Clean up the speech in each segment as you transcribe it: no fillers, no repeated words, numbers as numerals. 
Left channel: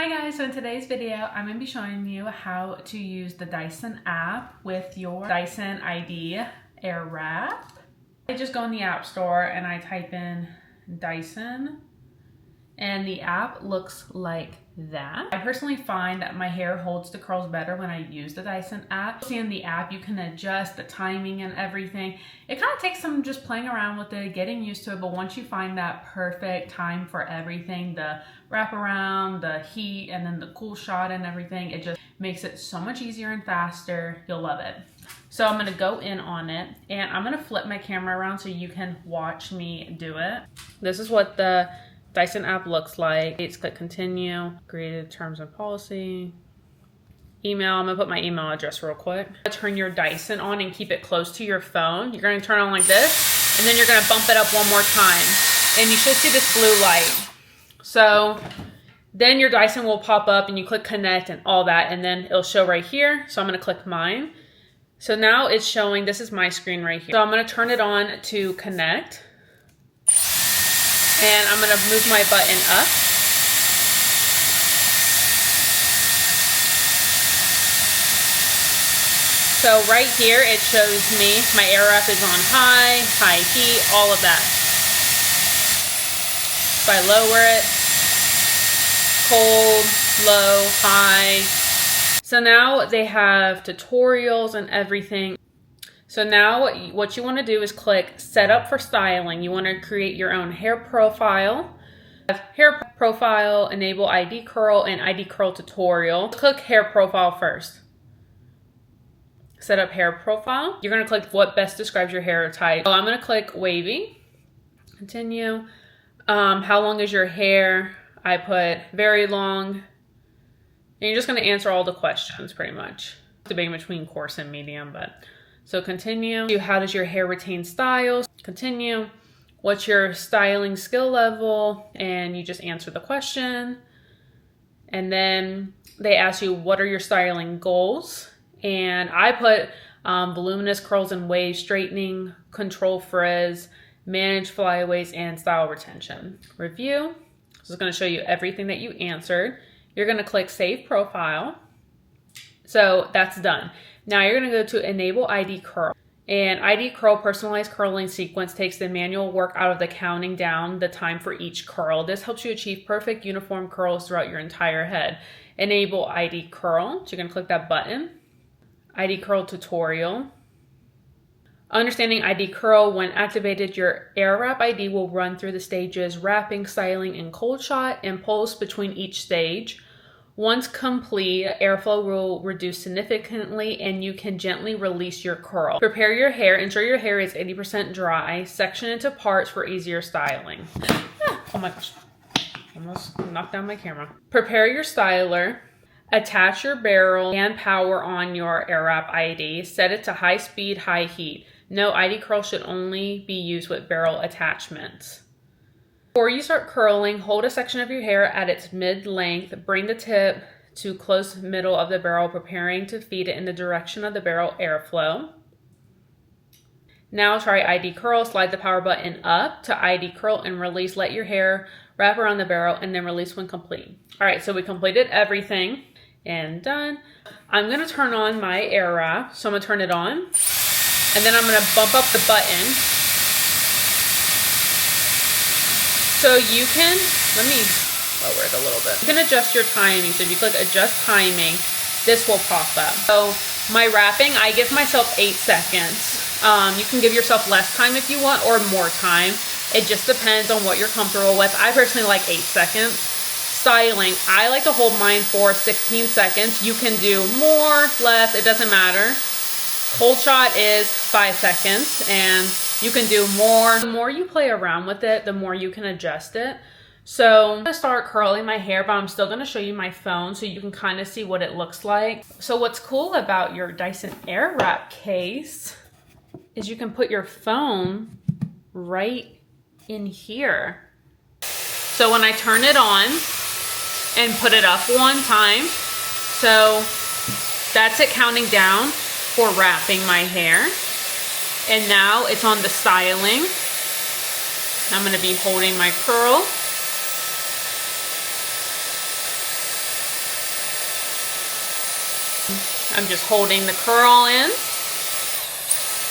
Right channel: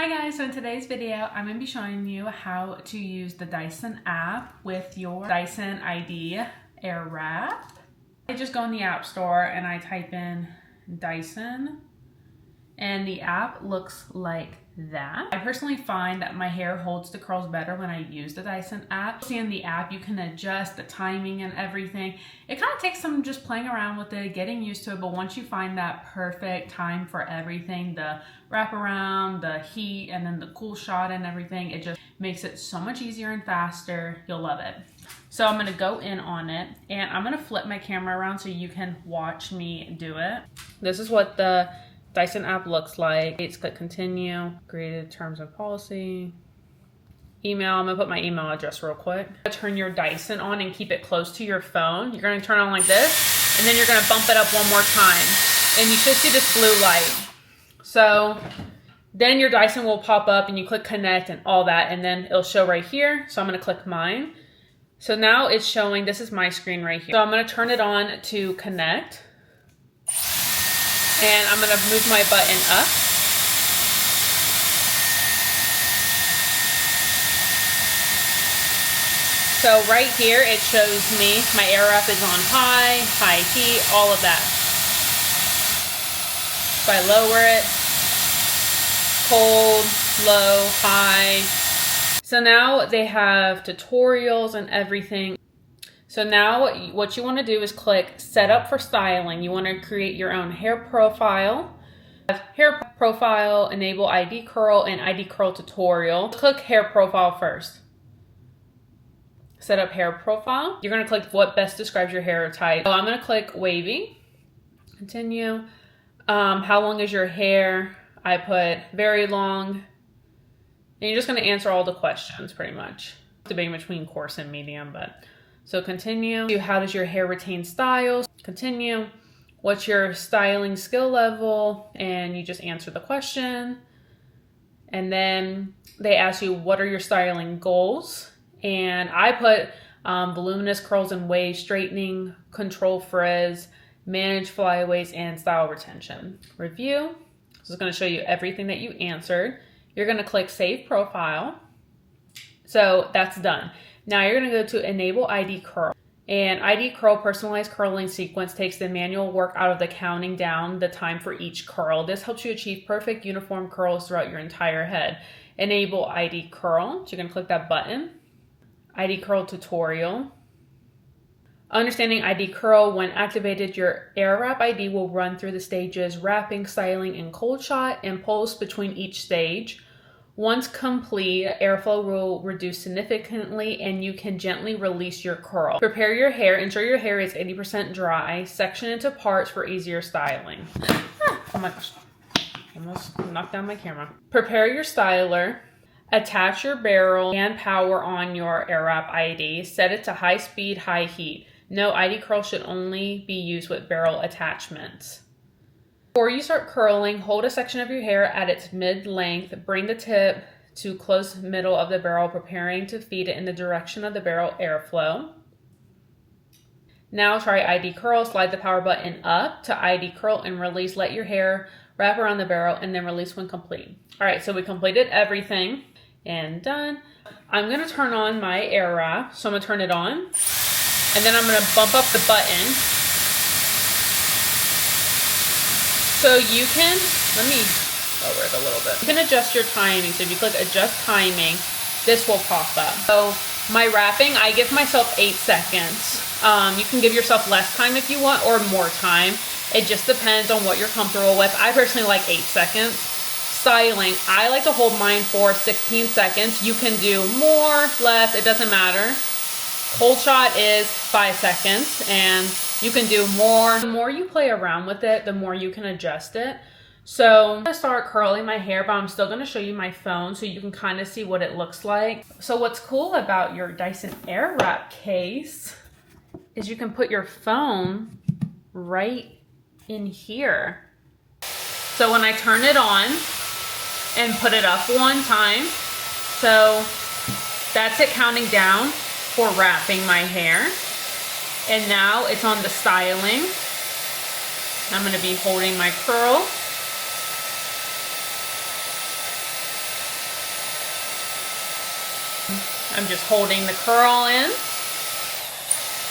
Hi guys, so in today's video, I'm going to be showing you how to use the Dyson app with your Dyson i.d. Airwrap. I just go in the app store and I type in Dyson and the app looks like that. I personally find that my hair holds the curls better when I use the Dyson app. See in the app, you can adjust the timing and everything. It kind of takes some just playing around with it, getting used to it, but once you find that perfect time for everything, the wraparound, the heat, and then the cool shot and everything, it just makes it so much easier and faster. You'll love it. So I'm gonna go in on it and I'm gonna flip my camera around so you can watch me do it. This is what the Dyson app looks like. Let's click continue, created terms and policy, email. I'm gonna put my email address real quick. Turn your Dyson on and keep it close to your phone. You're gonna turn on like this, and then you're gonna bump it up one more time. And you should see this blue light. So then your Dyson will pop up and you click connect and all that, and then it'll show right here. So I'm gonna click mine. So now it's showing, this is my screen right here. So I'm gonna turn it on to connect. And I'm gonna move my button up. So right here, it shows me my Airwrap is on high heat, all of that. If I lower it, cold, low, high. So now they have tutorials and everything. So now what you want to do is click set up for styling. You want to create your own hair profile. Hair profile, enable ID curl and ID curl tutorial. Click hair profile first. Set up hair profile. You're going to click what best describes your hair type. So I'm going to click wavy. Continue. How long is your hair? I put very long. And you're just going to answer all the questions pretty much. Debating between coarse and medium, but... So continue. How does your hair retain styles? Continue. What's your styling skill level? And you just answer the question. And then they ask you, what are your styling goals? And I put voluminous curls and waves, straightening, control frizz, manage flyaways, and style retention. Review. So it's going to show you everything that you answered. You're going to click save profile. So that's done. Now you're going to go to enable ID curl, and ID curl personalized curling sequence takes the manual work out of the counting down the time for each curl. This helps you achieve perfect uniform curls throughout your entire head. Enable ID curl. So you're going to click that button. ID curl tutorial. Understanding ID curl, when activated, your Airwrap ID will run through the stages wrapping, styling, and cold shot, and pulse between each stage. Once complete, airflow will reduce significantly and you can gently release your curl. Prepare your hair. Ensure your hair is 80% dry. Section into parts for easier styling. Oh my gosh. Almost knocked down my camera. Prepare your styler. Attach your barrel and power on your Airwrap ID. Set it to high speed, high heat. No ID curl should only be used with barrel attachments. Before you start curling, hold a section of your hair at its mid-length. Bring the tip to close middle of the barrel, preparing to feed it in the direction of the barrel airflow. Now try ID curl. Slide the power button up to ID curl and release. Let your hair wrap around the barrel and then release when complete. All right, so we completed everything and done. I'm going to turn on my Airwrap. So I'm going to turn it on and then I'm going to bump up the button. So you can, let me lower it a little bit. You can adjust your timing. So if you click adjust timing, this will pop up. So my wrapping, I give myself 8 seconds. You can give yourself less time if you want or more time. It just depends on what you're comfortable with. I personally like 8 seconds. Styling, I like to hold mine for 16 seconds. You can do more, less, it doesn't matter. Cold shot is 5 seconds and you can do more. The more you play around with it, the more you can adjust it. So I'm gonna start curling my hair, but I'm still gonna show you my phone so you can kind of see what it looks like. So what's cool about your Dyson Airwrap case is you can put your phone right in here. So when I turn it on and put it up one time, so that's it counting down for wrapping my hair. And now it's on the styling. I'm going to be holding my curl. I'm just holding the curl in.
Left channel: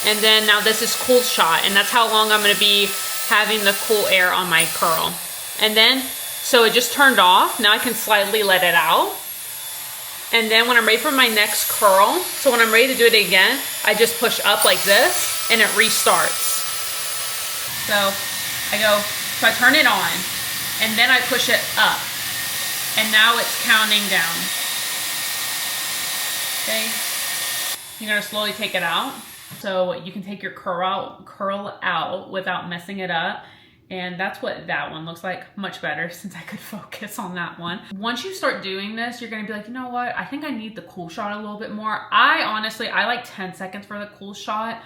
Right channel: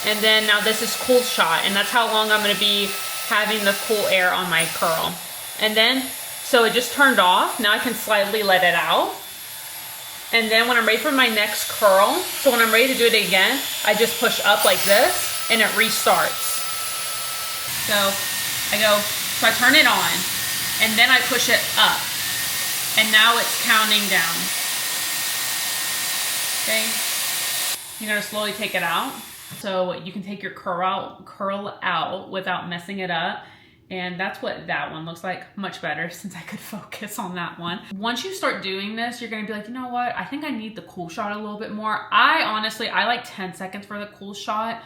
And then now this is cool shot, and that's how long I'm gonna be having the cool air on my curl. And then, so it just turned off. Now I can slightly let it out. And then when I'm ready for my next curl, so when I'm ready to do it again, I just push up like this and it restarts. So I turn it on and then I push it up. And now it's counting down. Okay, you're gonna slowly take it out. So you can take your curl out without messing it up. And that's what that one looks like. Much better since I could focus on that one. Once you start doing this, you're gonna be like, you know what? I think I need the cool shot a little bit more. I like 10 seconds for the cool shot.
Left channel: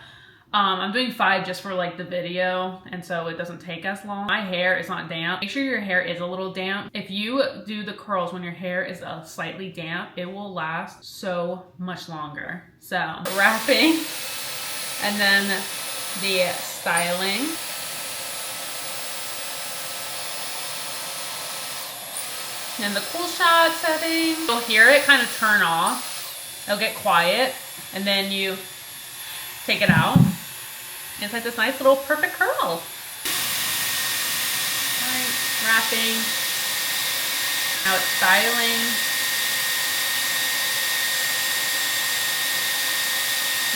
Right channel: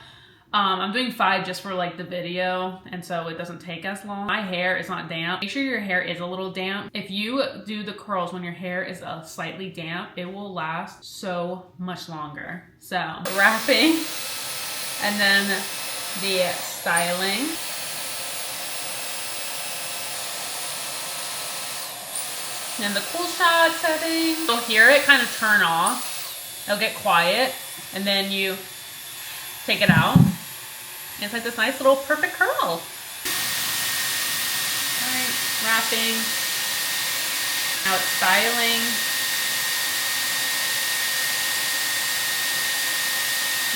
I'm doing 5 just for like the video, and so it doesn't take as long. My hair is not damp. Make sure your hair is a little damp. If you do the curls when your hair is slightly damp, it will last so much longer. So wrapping, and then the styling. And the cool shot setting. You'll hear it kind of turn off. It'll get quiet, and then you take it out. And it's like this nice little perfect curl. All right, wrapping. Now it's styling.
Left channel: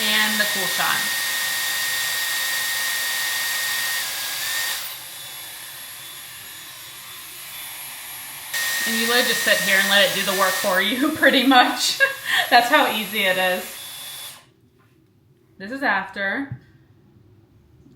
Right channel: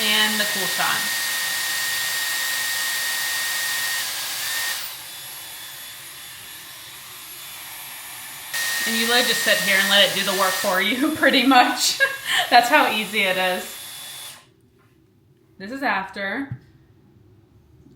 And the cool shot. And you literally just sit here and let it do the work for you, pretty much. That's how easy it is. This is after.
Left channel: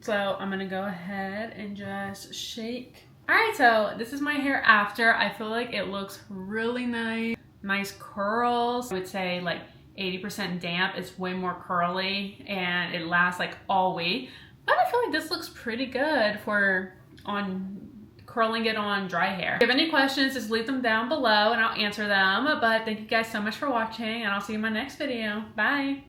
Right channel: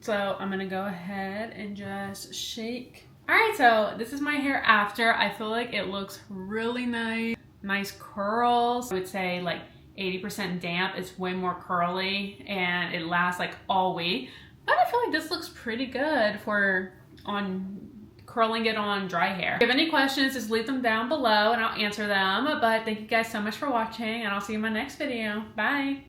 So I'm gonna go ahead and just shake. All right, so this is my hair after. I feel like it looks really nice. Nice curls. I would say like 80% damp. It's way more curly and it lasts like all week. But I feel like this looks pretty good for curling it on dry hair. If you have any questions, just leave them down below and I'll answer them. But thank you guys so much for watching, and I'll see you in my next video. Bye.